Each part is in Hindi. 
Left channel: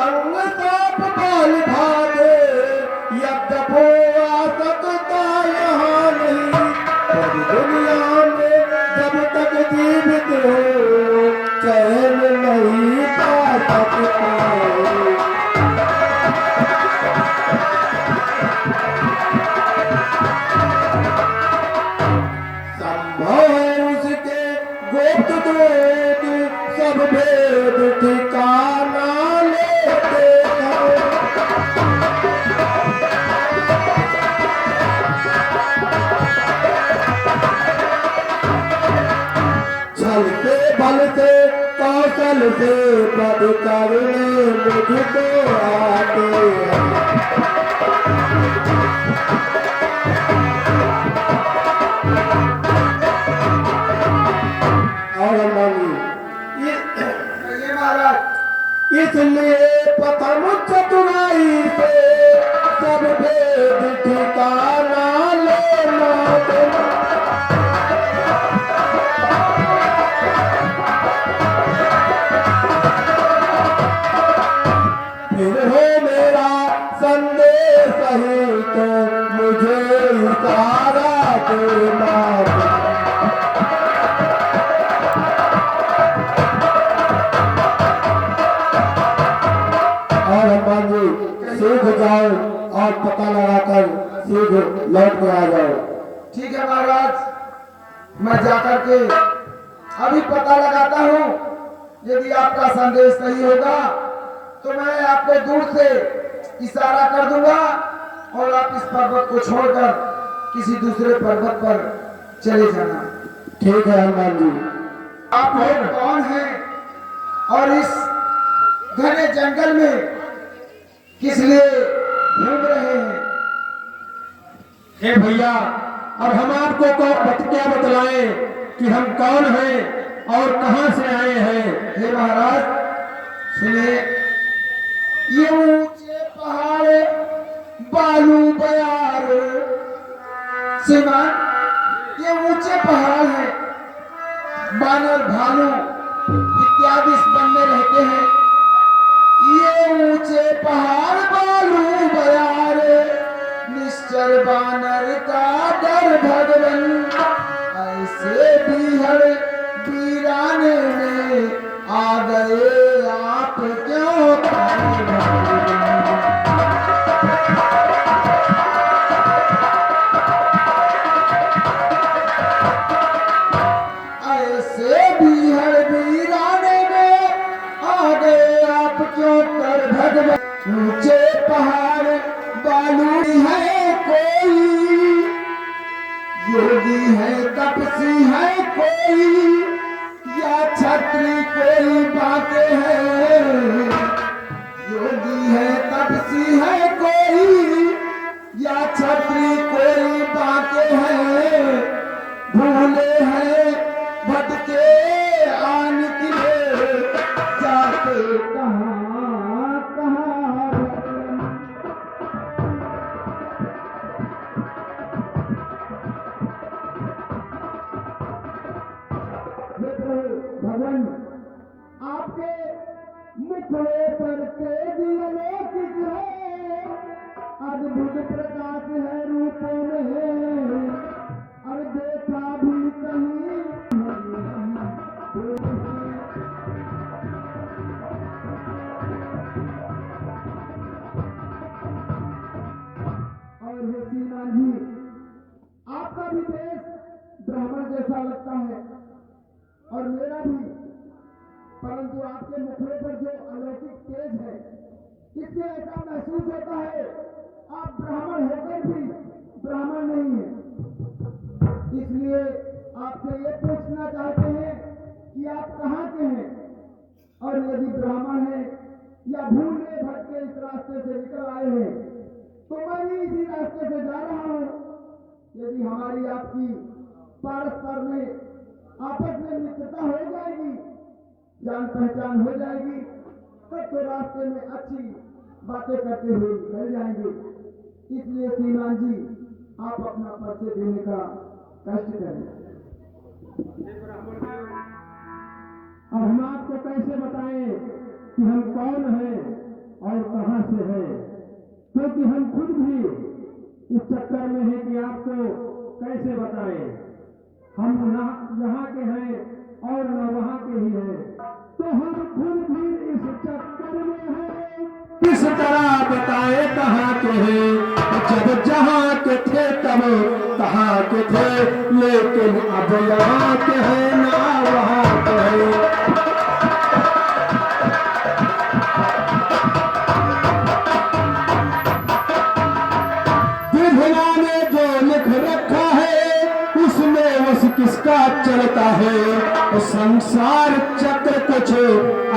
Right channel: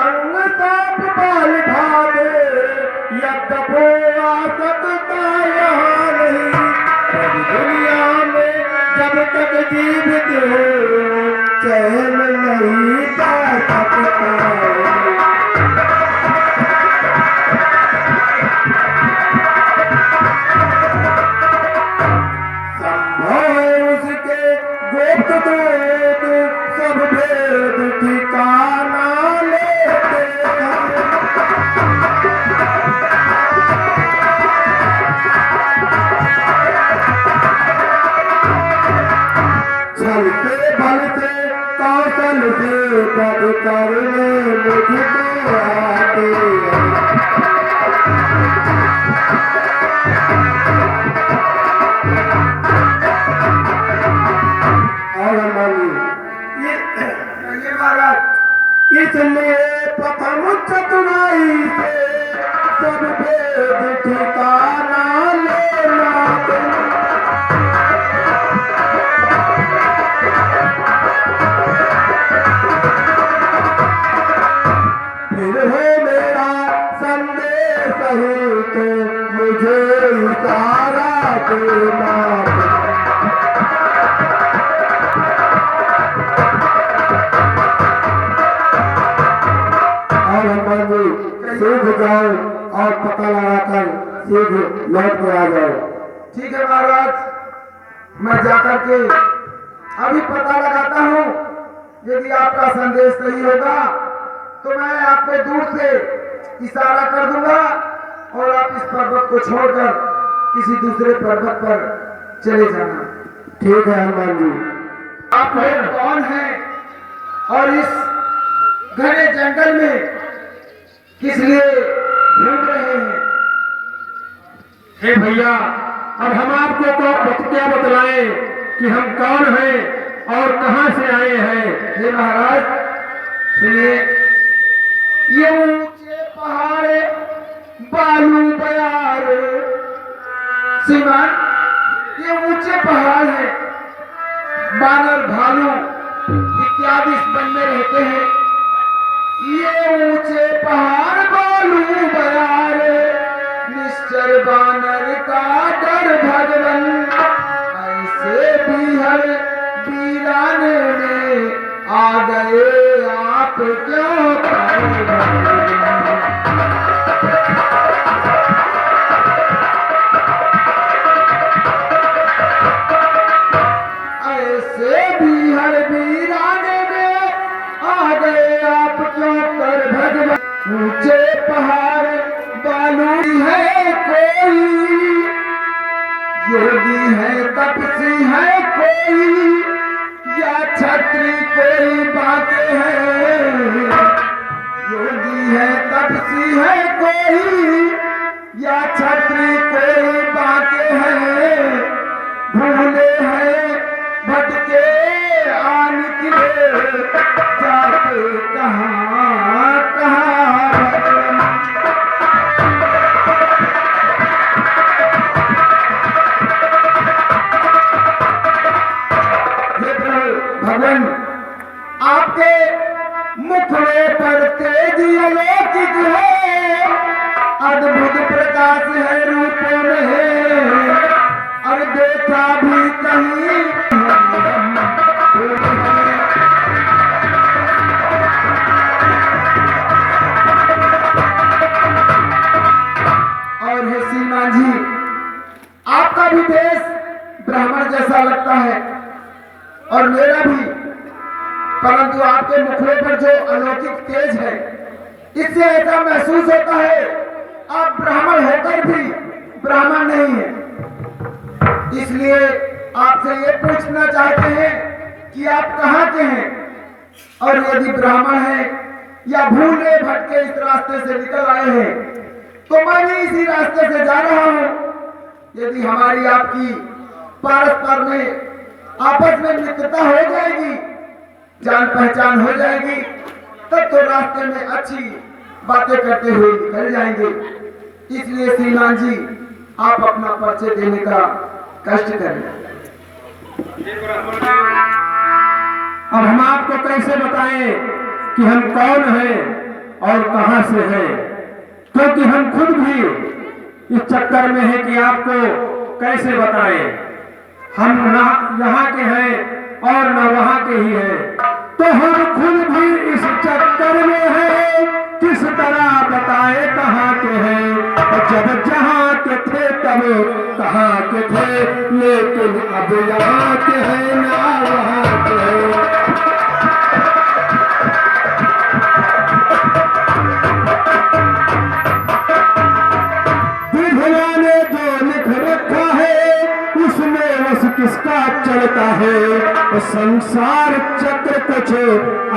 संग साप बाल भागे यद्यपो आ सकता यहाँ नहीं, पर दुनिया में जब तक जीवित हो चैन नहीं पा सकता। संभव है उसके गुप्त दूत सब भेद ठिकाना लेते हैं। छलते बल से कौशल से पद करने मुझको आते हैं। इसलिए प्रथम चतुराई से सब भेद ठिकाना लेना तुम। फिर है मेरा संदेश ही तो मुझे इशारा देना। सीख जाओ और पता लगाकर सीख लौट के आ जाओ। ठीक है महाराज, मैं जाकर के अभी पता लगाता हूँ। यदि आपका संदेश सही होगा तो मैं आपको दूर से इशारा कर दूंगा और आप इस पर्वत को छोड़कर किसी दूसरे पर्वत पर चले जाना। ठीक है हनुमान जी। आप लोग कौन हैं और इस घने जंगल में किस लिए घूम रहे हैं? हे भैया, और हम आपको क्या बतलाएं कि हम कौन हैं और कहां से आए हैं? हे महाराज सुनिए, ये ऊंचे पहाड़ बालू बयार श्रीमान, ये ऊंचे पहाड़ हैं। बानर भालू इत्यादि इस वन में रहते हैं। ये ऊंचे पहाड़ बालू बयार निश्चर बानर का डर भगवन, ऐसे बिहड़ वीराने में आ गए आप क्यों ऐसे बिहड़ वीराने में आ गए आप क्यों कर भगवन। ऊंचे पहाड़ बालू है कोई, योगी है तपसी है कोई, या छत्री कोई बातें हैं। योगी है तपसी है कोई, या छत्री कोई बातें हैं। भूले हैं भटके आ निकले जाते कहाँ कहाँ भगवान। आपके मुखड़े पर तेज अलौकिक है, अद्भुत प्रकाश है रूपों में, और देखा भी कहीं और हे श्रीमान जी, आपका भी देश ब्राह्मण जैसा लगता है और मेरा भी, परंतु आपके मुखड़े पर जो अलौकिक तेज है इससे ऐसा महसूस होता है आप ब्राह्मण होकर भी ब्राह्मण नहीं है। इसलिए आपसे ये पूछना चाहते हैं कि आप कहाँ के हैं, और यदि ब्राह्मण हैं या भूले भटके इस रास्ते से निकल आए हैं तो मैं भी इसी रास्ते से जा रहा हूँ। यदि हमारी आपकी परस्पर में आपस में मित्रता हो जाएगी, जान पहचान हो जाएगी, तब तो रास्ते में अच्छी बातें करते हुए निकल जाएंगे। इसलिए श्रीमान जी, आप अपना परिचय देने का कष्ट करें। अब हम आपको कैसे बताएं कि हम कौन हैं और कहां से है, क्योंकि हम खुद भी इस चक्कर में है कि आपको कैसे बताएं। हम ना यहाँ के हैं और ना वहाँ के ही हैं, तो हम खुद भी इस चक्कर में हैं, किस तरह बताए कहाँ के हैं। जब जहाँ के थे तब कहाँ के थे, लेकिन अब यहाँ के हैं ना वहाँ के हैं। किसका चलता है संसार चक्र, कुछ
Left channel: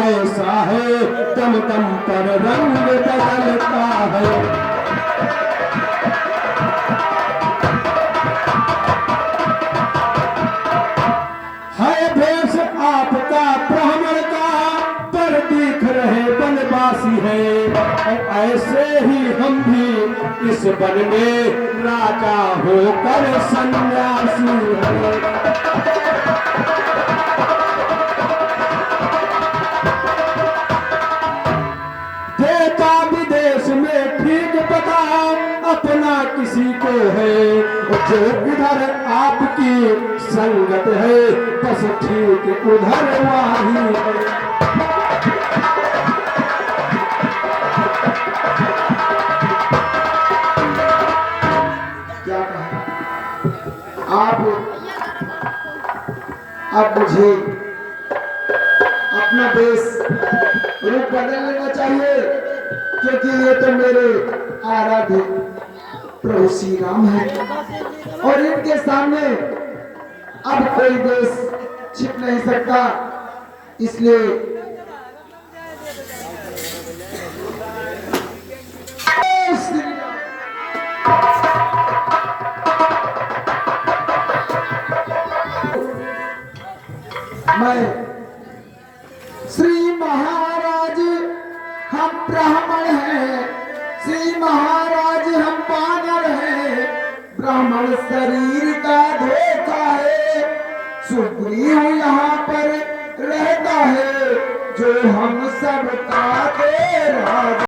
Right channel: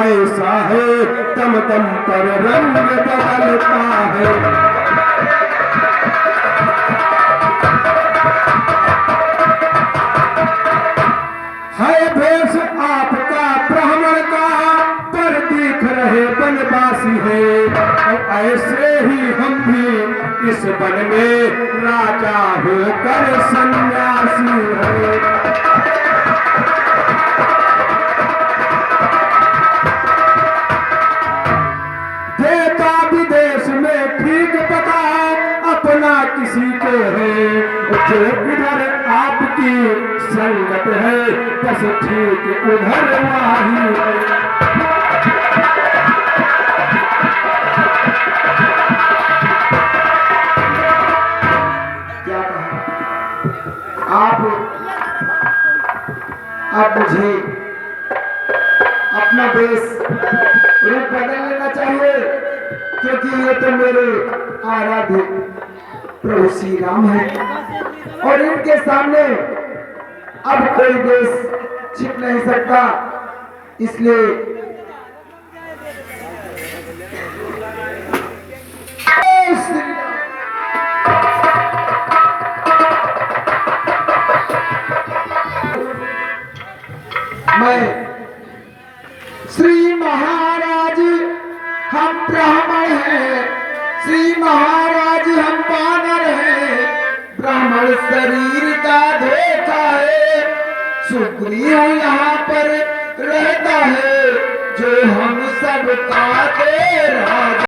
ऐसा है दम दम पर रंग बदलता है। भेष आपका ब्राह्मण का, पर दिख रहे बनवासी है। और ऐसे ही हम भी इस वन में राजा होकर सन्यासी है। देता विदेश में ठीक पता अपना किसी को है, जो इधर आपकी संगत है बस ठीक उधर वही है। क्या कहा आप मुझे अपना वेश रूप बदल लेना चाहिए, क्योंकि ये तो मेरे आराध्य प्रभु श्री राम है और इनके सामने अब कोई देश छिप नहीं सकता। इसलिए मैं श्री महाराज हम ब्राह्मण हैं, श्री महाराज हम वानर हैं, ब्राह्मण शरीर का धोखा है, सुग्रीव यहाँ पर रहता है जो हम सबका दे राजा।